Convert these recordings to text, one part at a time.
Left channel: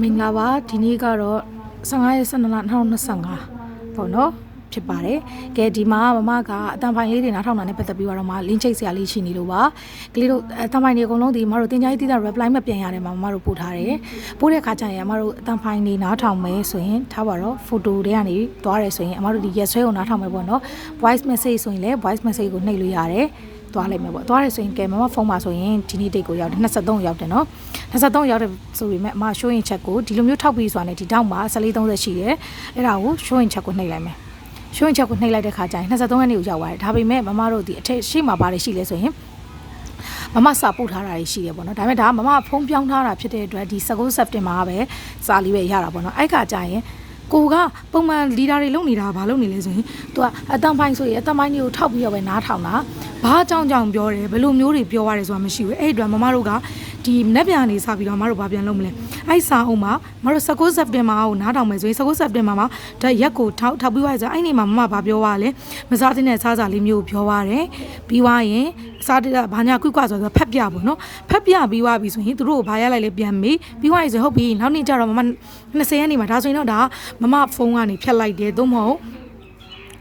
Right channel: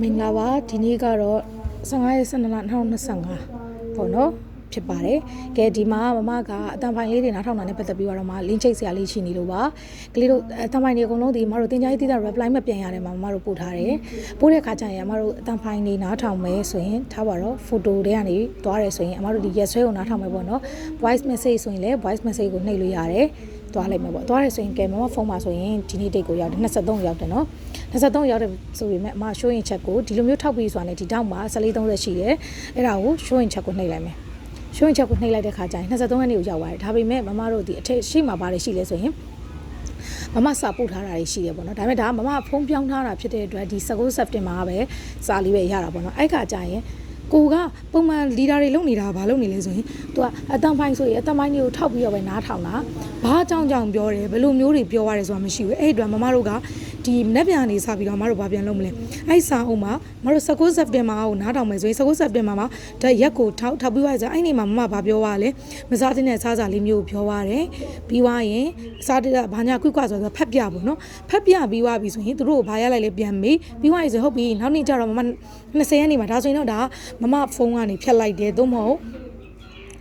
မင်္ဂလာပါဒီနေ့ကတော့15ရက်12လ2025ပေါ့နော်ဖြစ်ပါတယ်ကဲဒီမှာမမကအတန်ဖိုင်လေးတွေနားထောင်တာနဲ့ပတ်သက်ပြီးတော့မှလင်းချိတ်စရာလေးရှိနေလို့ပါကလေးတို့အတန်ဖိုင်တွေအကုန်လုံးဒီမတို့တင် jai တိတာ reply မပြန်ရတယ်မှာမတို့ပို့ထားတယ်ပို့တဲ့ခါကျရင်မတို့အတန်ဖိုင်တွေနားထောင်မယ်ဆိုရင်ထားပါတော့ photo တွေကနေသွားတယ်ဆိုရင်မတို့ဒီရက်ဆွဲကိုနားထောင်မယ်ပေါ့နော် voice message ဆိုရင်လည်း voice message ကိုနှိပ်လို့ရတယ်သွားလိုက်မယ်ပေါ့သွားရဆိုရင်ကဲမမဖုန်းမှာဆိုရင်ဒီနေ့ date ကိုရောက်တယ်23ရောက်တယ်နော်23ရောက်တယ်ဆိုပေမဲ့အမ show in check ကိုဒီလိုမျိုးထောက်ပြီးဆိုတာနဲ့ဒီတောက်မှာ1430ရှိတယ်အဲ့ဒါကို show in check ကိုနှိပ်လိုက်မယ် show in check ကိုနှိပ်လိုက်တဲ့ခါကျရင်23ရက်နေ့ကိုရောက်သွားတယ်ဒါပေမဲ့မမတို့ဒီအထက်ရှိမှာပါတယ်ရှိလဲဆိုရင်မမစာပို့ထားတာရှိတယ်ပေါ့နော်ဒါပေမဲ့ဒါမမဖုန်းပြောင်းထားတာဖြစ်တဲ့အတွက်ဒီ19 September မှာပဲစာလေးပဲရတာပေါ့နော်အဲ့ခါကျရင်ကိုကပုံမှန်လီဒါတွေလုပ်နေတာဘာလုပ်နေလဲဆိုရင်သူကအတန်ပိုင်းဆိုရင်အတန်ပိုင်းတွေကိုထောက်ပြီးတော့ပဲနားထောင်တာဘာအကြောင်းကြောင့်ပြောတယ်ဘယ်လိုမျိုးတွေပြောရတယ်ဆိုတာမရှိဘူးအဲ့ဒီတော့မမတို့ကဒီမနေ့ပြန်နေစပြီးတော့မတို့ဘာပြန်လုပ်မလဲအဲ့စာအုပ်မှာမတို့19 September ကိုနားထောင်မယ်ဆိုရင်19 September မှာဒါရက်ကိုထောက်ပြီးသွားဆိုအဲ့ဒီမှာမမဘာပြောသွားလဲမစားတဲ့စားစာလေးမျိုးပြောသွားတယ်ပြီးသွားရင်စားတဲ့ဘာညာကွတ်ဆိုတော့ဖက်ပြပေါ့နော်ဖက်ပြပြီးသွားပြီဆိုရင်သူတို့ကိုဘာရလိုက်လဲပြန်မေးပြီးသွားရင်ဆိုဟုတ်ပြီနောက်နေ့ကျတော့မမ20ရက်နေ့မှာဒါဆိုရင်တော့ဒါမမဖုန်းကနေဖြတ်လိုက်တယ်သို့မဟုတ်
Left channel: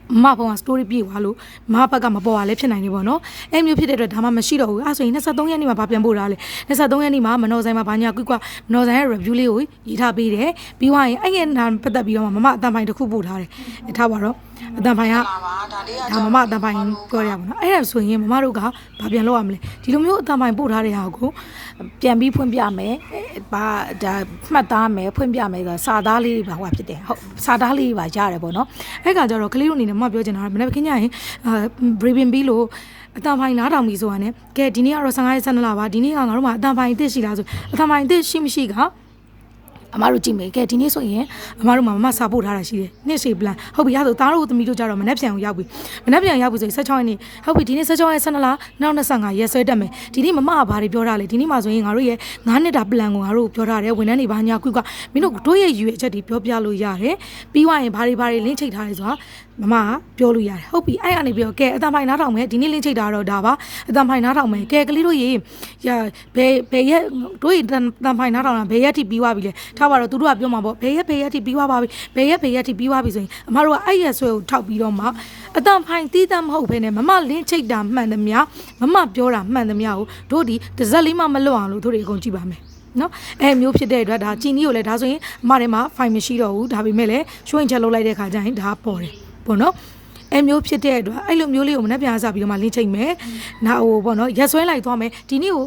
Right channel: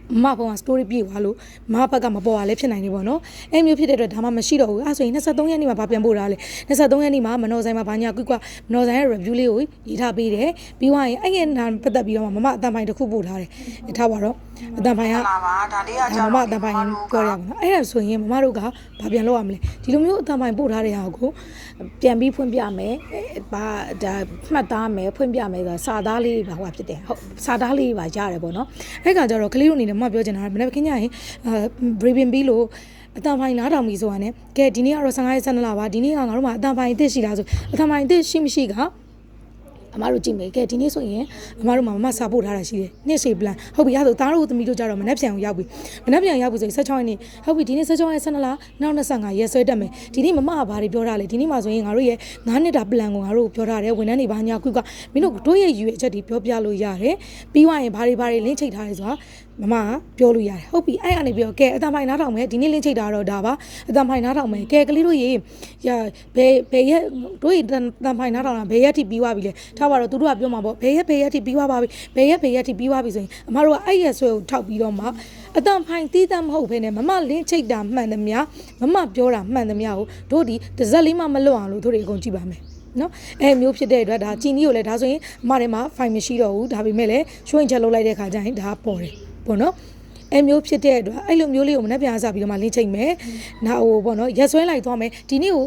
မဖုန်းက story ပြေးသွားလို့မဘက်ကမပေါ်ရလဲဖြစ်နိုင်နေပေါ့နော်အဲ့မျိုးဖြစ်တဲ့အတွက်ဒါမှမရှိတော့ဘူးအဲ့ဆိုရင်23ရက်နေ့မှာဗာပြန်ပို့တာလေ23ရက်နေ့မှာမနော်ဆိုင်မှာဘာညာကွတ်မနော်ဆိုင်ရဲ့ review လေးကိုရေးထားပေးတယ်ပြီးသွားရင်အဲ့ဒီနာပတ်သက်ပြီးတော့မမအတန်ပိုင်းတစ်ခုပို့ထားတယ်ထားပါတော့အတန်ပိုင်းကမမအတန်ပိုင်းပြောရပါတော့အဲ့ဒါဆိုရင်မမတို့ကဘာပြန်လုပ်ရမလဲဒီလိုမျိုးအတန်ပိုင်းပို့ထားတဲ့ဟာကိုပြန်ပြီးဖွင့်ပြမယ်ဘာဒါမှတ်သားမယ်ဖွင့်ပြမယ်ဆိုစာသားလေးပါဟိုဖြစ်တယ်ဟုတ်စာသားလေးပါရတယ်ပေါ့နော်အဲ့ကကြတော့ကလေးတို့အနေနဲ့မပြောချင်တာမနေ့ကခင်ဗျာရင် briefing ပြီးလို့အတန်ဖိုင်နားထောင်ပြီးဆိုတာ ਨੇ ကဲဒီနေ့ကတော့15ရက်12လပါဒီနေ့ကငါတို့မှာအတန်ဖိုင်အစ်ရှိလားဆိုအတန်ဖိုင်အစ်ရှိမရှိကအမတို့ကြည့်မယ်ကဲဒီနေ့ဆိုရင်အမတို့မှာမစာပို့ထားတာရှိတယ်နှစ်ရှည် plan ဟုတ်ပြီအဲ့ဆိုသားတို့သမီးတို့ကြတော့မနေ့ပြန်ကိုရောက်ပြီမနေ့ပြန်ရောက်ပြီဆိုရင်16ရက်နေ့ဟုတ်ပြီဒီနေ့16ရက်12လနောက်25ရက်ဆွဲတက်မယ်ဒီနေ့မမကဘာတွေပြောထားလဲဒီနေ့မှာဆိုရင်ငါတို့ရဲ့9နှစ်တာ plan ကိုငါတို့ပြောထားတယ်ဝန်ထမ်းတွေဘာညာကွကမင်းတို့တို့ရဲ့ယူရဲ့အချက်တွေပြောပြလို့ရတယ်ပြီးသွားရင်ဘာတွေလင်းချိတ်ထားလဲဆိုတာမမပြောလို့ရတယ်ဟုတ်ပြီအဲ့ကနေပြောကဲအတန်ဖိုင်နားထောင်မယ်ဒီနေ့လင်းချိတ်တာတော့ဒါပါအတန်ဖိုင်နားထောင်မယ်ကဲကလေးတို့ရေဘယ်ရက်တို့ရေတန်ဖိုင်နားထောင်တာဘယ်ရက်ထိပြီးသွားပြီလဲထားပါတော့သူတို့ကပြောမှာပေါ့ဘယ်ရက်ထိပြီးသွားပါပြီဘယ်ရက်ထိပြီးသွားပြီဆိုရင်အမတို့ကအဲ့ရက်ဆွဲကိုထောက်ပြီးတော့မှအတန်ဖိုင်တီးတမ်းမဟုတ်ဘဲနဲ့မမလင်းချိတ်တာမှန်သမျှမမပြောတာမှန်သမျှကိုတို့ဒီတစ်စက်လေးမှမလွတ်အောင်လို့တို့တွေအကုန်ကြည့်ပါမယ်နော်အဲ့မျိုးဖြစ်တဲ့အတွက်ဒါချီနီကိုလည်းဒါဆိုရင်အမထဲမှာ file မရှိတော့ဘူးဒါပေမဲ့လည်းရွှေ့ချက်လုပ်လိုက်တဲ့ခါကျရင်ဒါပေါ်တယ်ပေါ့နော်အဲ့မျိုးဖြစ်တဲ့အတွက်အဲ့လိုမျိုးလေးကိုမနေ့ပြန်စားပြီးတော့မှလင်းချိတ်မယ်နာဟိုပေါ့နော်ရက်ဆွဲလိုက်သွားမယ်ဒီနေ့ကို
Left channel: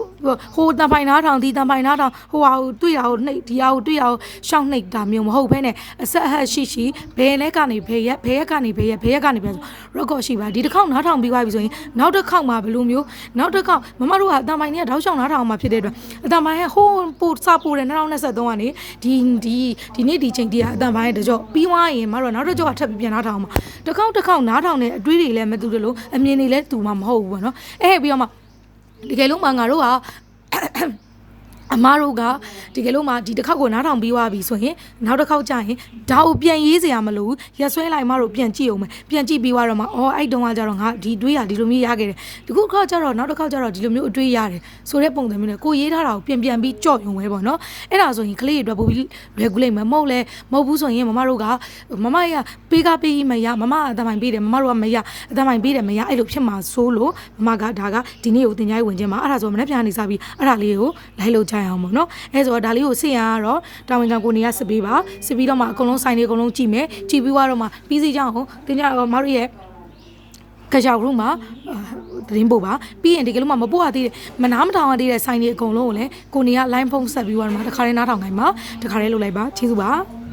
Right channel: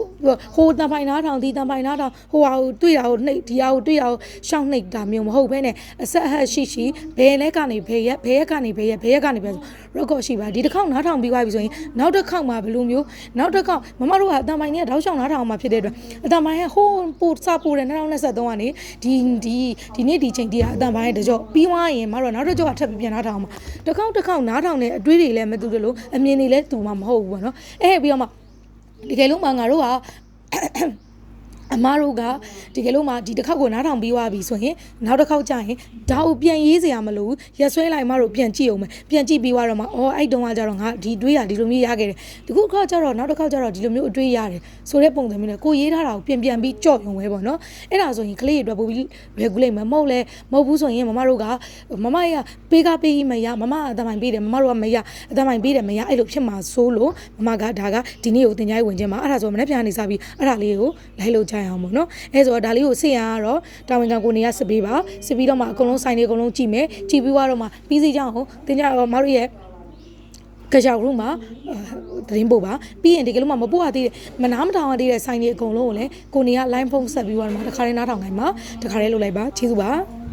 ဟိုတန်ပိုင်နားထောင်ဒီတန်ပိုင်နားထောင်ဟိုဟာကိုတွေ့တာကိုနှိပ်ဒီဟာကိုတွေ့တာကိုရှောင်းနှိပ်တာမျိုးမဟုတ်ဘဲနဲ့အဆက်အဟက်ရှိဘယ်လဲကနေဘယ်ရက်ကနေဘယ်ရက်ကနေဘယ်ဆိုရက်ကော့ရှိပါဒီတစ်ခေါက်နားထောင်ပြီးသွားပြီဆိုရင်နောက်တစ်ခေါက်မှာဘယ်လိုမျိုးနောက်တစ်ခေါက်မမတို့ကအတန်ပိုင်နဲ့တောက်ချောင်းနားထောင်မှာဖြစ်တဲ့အတွက်အတန်ပိုင်ရဲ့ဟိုပို့စာပို့တဲ့2023ကနေဒီနေ့ဒီချိန်တည်းကအတန်ပိုင်ရဲ့တကြောပြီးသွားရင်မတို့နောက်တစ်ကြောထပ်ပြီးပြန်နားထောင်မှာတစ်ခေါက်နားထောင်တဲ့အတွေးတွေလည်းမတူတယ်လို့အမြင်တွေလည်းတူမှာမဟုတ်ဘူးပေါ့နော်အဲ့ပြီးတော့မှတကယ်လို့မှငါတို့ကအမားတို့ကဒီကလို့မှဒီတစ်ခေါက်ကိုနားထောင်ပြီးသွားပြီဆိုရင်နောက်တစ်ခေါက်ကျရင်ဒါကိုပြန်ရေးစရာမလိုဘူးရက်ဆွဲလိုက်မှတို့ပြန်ကြည့်အောင်မယ်ပြန်ကြည့်ပြီးသွားတော့မှအော်အဲ့တုန်းကကျတော့ငါဒီတွေးရဒီလိုမျိုးရခဲ့တယ်ဒီခုခေါက်ကျတော့နောက်တစ်ခေါက်ကျတော့ဒီလိုမျိုးအတွေးရတယ်ဆိုတဲ့ပုံစံမျိုးနဲ့ကိုရေးထားတာကိုပြန်ပြီးကြော့ရုံပဲပေါ့နော်အဲ့ဒါဆိုရင်ကလေးတွေအတွက်ပိုပြီး regulate မဟုတ်ဘူးဆိုရင်မမတို့ကမမရပေးမရမမအတမိုင်ပေးတယ်မမတို့ကမရအတမိုင်ပေးတယ်မရအဲ့လိုဖြစ်မှာစိုးလို့မမကဒါကဒီနေ့ကိုတင် jai ဝင်ခြင်းမှာအဲ့ဒါဆိုမနေ့ပြန်နေစားပြီးအဲ့ဒါလေးကိုလိုက်လို့အောင်ပေါ့နော်အဲဆိုတော့ဒါလေးကိုစစ်ရကတော့တာဝန်ခံကိုနေရစစ်ပေးပါစစ်ပြီးတော့မှအကုန်လုံးဆိုင်တွေအကုန်လုံးကြည့်မယ်ကြည့်ပြီးတော့မှပြီးစီကြအောင်တင်ကြတော့မတို့ရဲ့ကြောက်ရုံးမှာသတင်းပို့ပါပြီးရင်ဒီကလေးမှမပို့ရသေးတယ်မနာမထောင်ရသေးတဲ့ဆိုင်တွေအကုန်လုံးကိုလည်းကိုနေက line ဖုန်းဆက်ပြီးတော့မှတခါလေးနားထောင်နိုင်မှာတခါလေးလုပ်လိုက်ပါကျေးဇူးပါ